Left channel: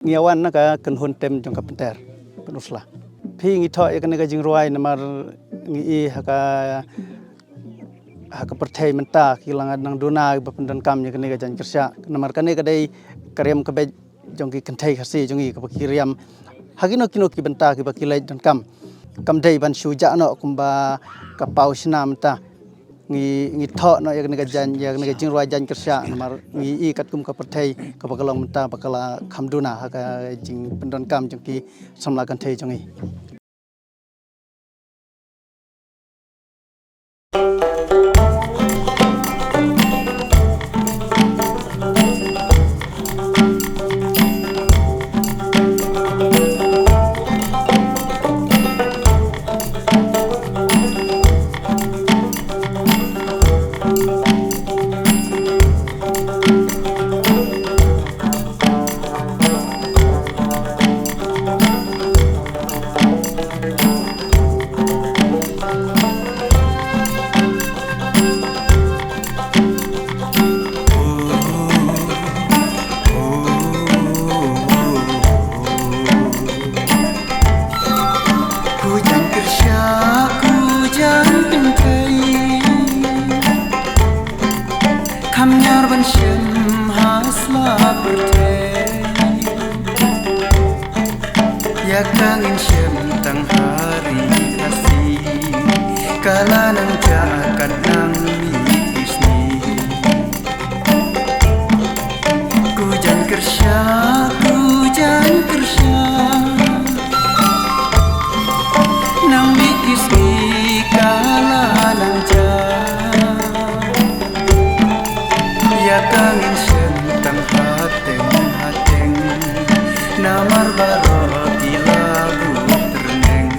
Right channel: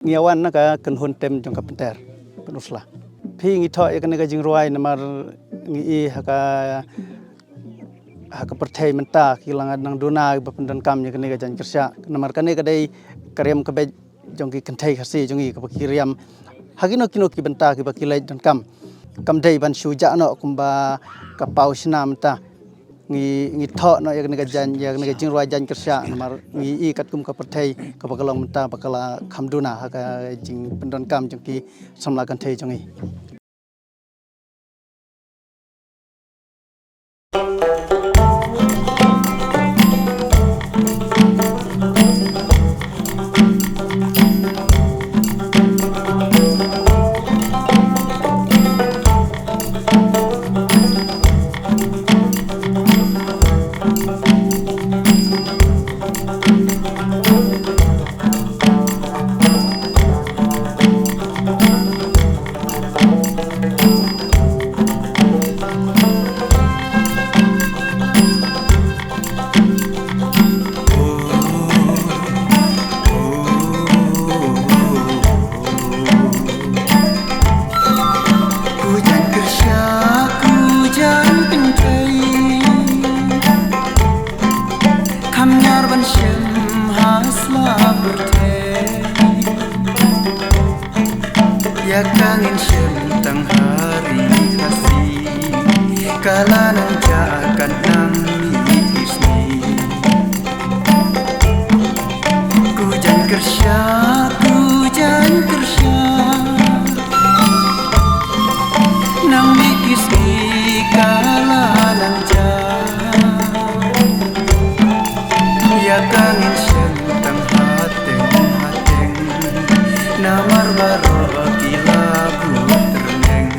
Ngiawan na ka kan tem jong ka penter penusla phi ngi tho kan ga jing ruai namar ngi haka perthai menta kilangan nang dona ba pendan kam nya kan ga jan kersya namar kan ga dai karyam ka be jong ki kentai khasi jong ki kiriam hagino kino ki benta ki ba kilai dan kam dai ban shuja no kumba ka pausna menta ngi tho no ya ga jan ya ga jing ruai jan kersya namar ngi kat kum ka perthai ka bakalong menta bakala khamduna haka jing pendan kam jong ki samla kan thai jong Hujan pintai Kamnyar ban shem hasla bertei Ya kangin shem tang hari kasih Kala nang jakat nang mikisni Hujan kersya Nang mikisni kala nang ja Ya kangin shem tang hateng Namar baro kilabu terneng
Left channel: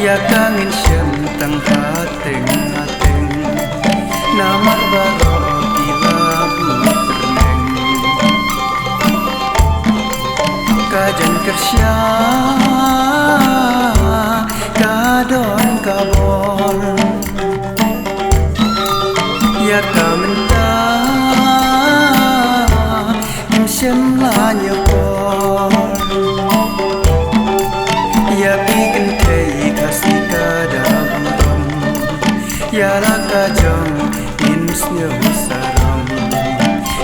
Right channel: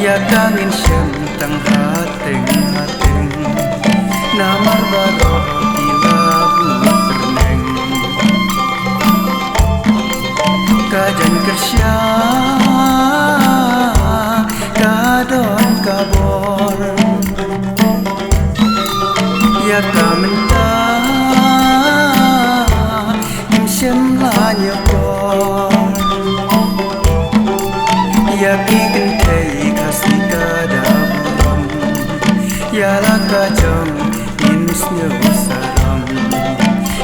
Ya kangin shem tang hateng Namar baro kilabu terneng Kajan kersya kadon kabor Ya kamenta kim shem la nyokor Ya ki kentei kasih kadaburam Ya la kajong insnyo sarang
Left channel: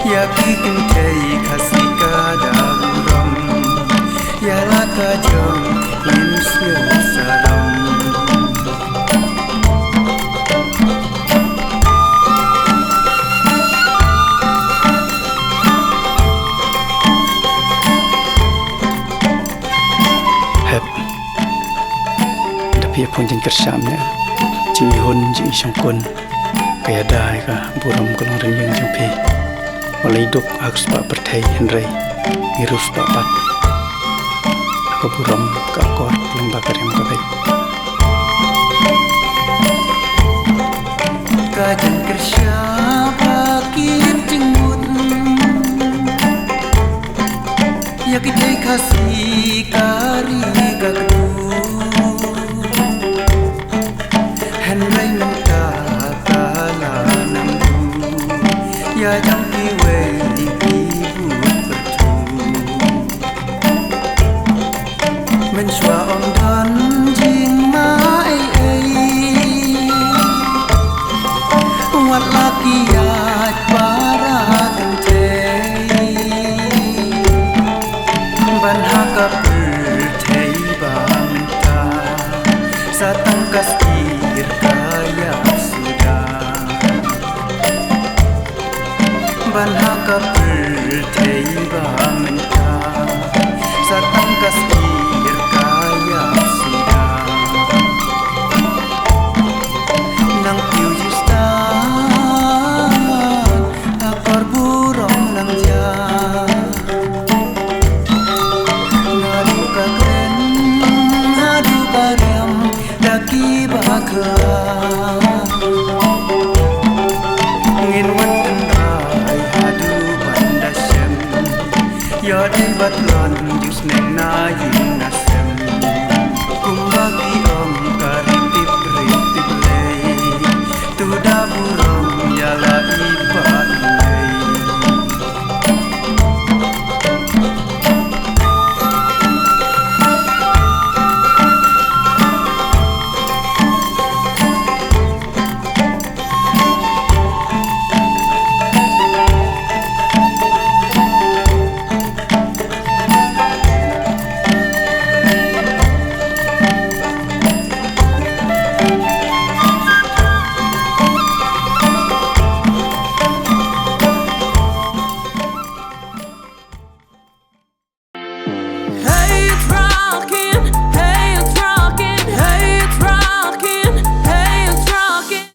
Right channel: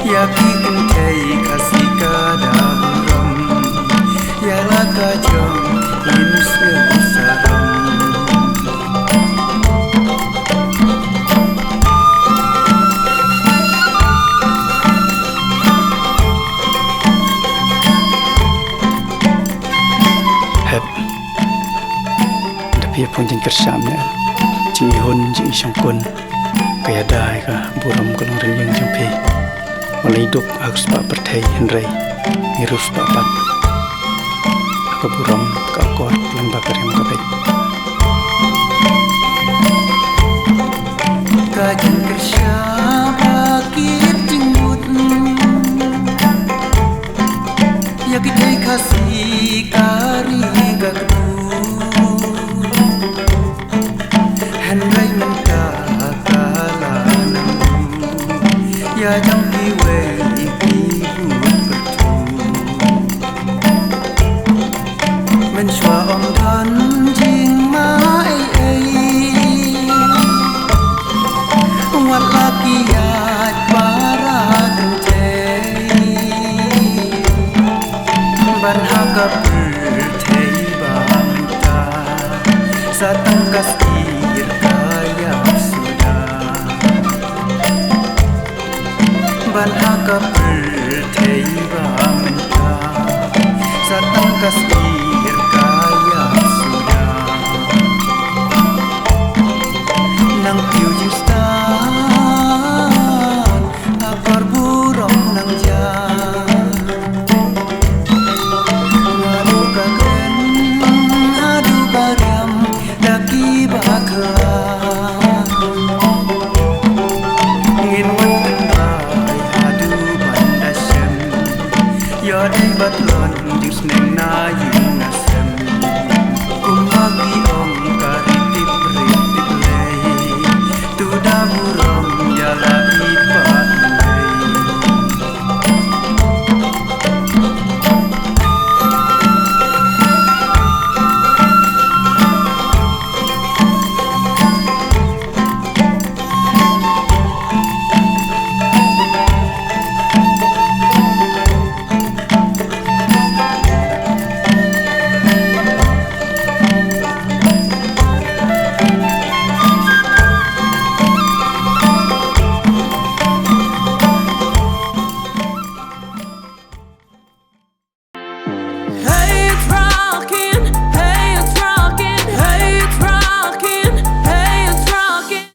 Ya ki kentei kasih kadaburam Ya la kajong insnyo sarang hep tapi pun jeng kersamnya jing hun jing songkun kaya dai ka buram kolong renyeng jong pi mulai duk harus pak perthai henrei ngirus pak pat aku buram ka kor lang bakar yang ka baik Kajan kersya bakit jingmut Ya kitai kasih kari kakdu Henry menta kala nangdu Ya jang kiwei kibut pertu Menshua om dan jing mai Wat laki yat para kentei Ban haka perthai ba menta Satang kasir kayap sudah Ban haka perthai ba menta Satang kasir kayap sudah Nang piu jing stan Akor burong nang jan Haduka kren, haduka riam, daki baklan Ngin watan rai hadu bandasem Yodai batlon jus neng na yin nasem Kumbagi om karitip rintip lei Tuda buram yala ipa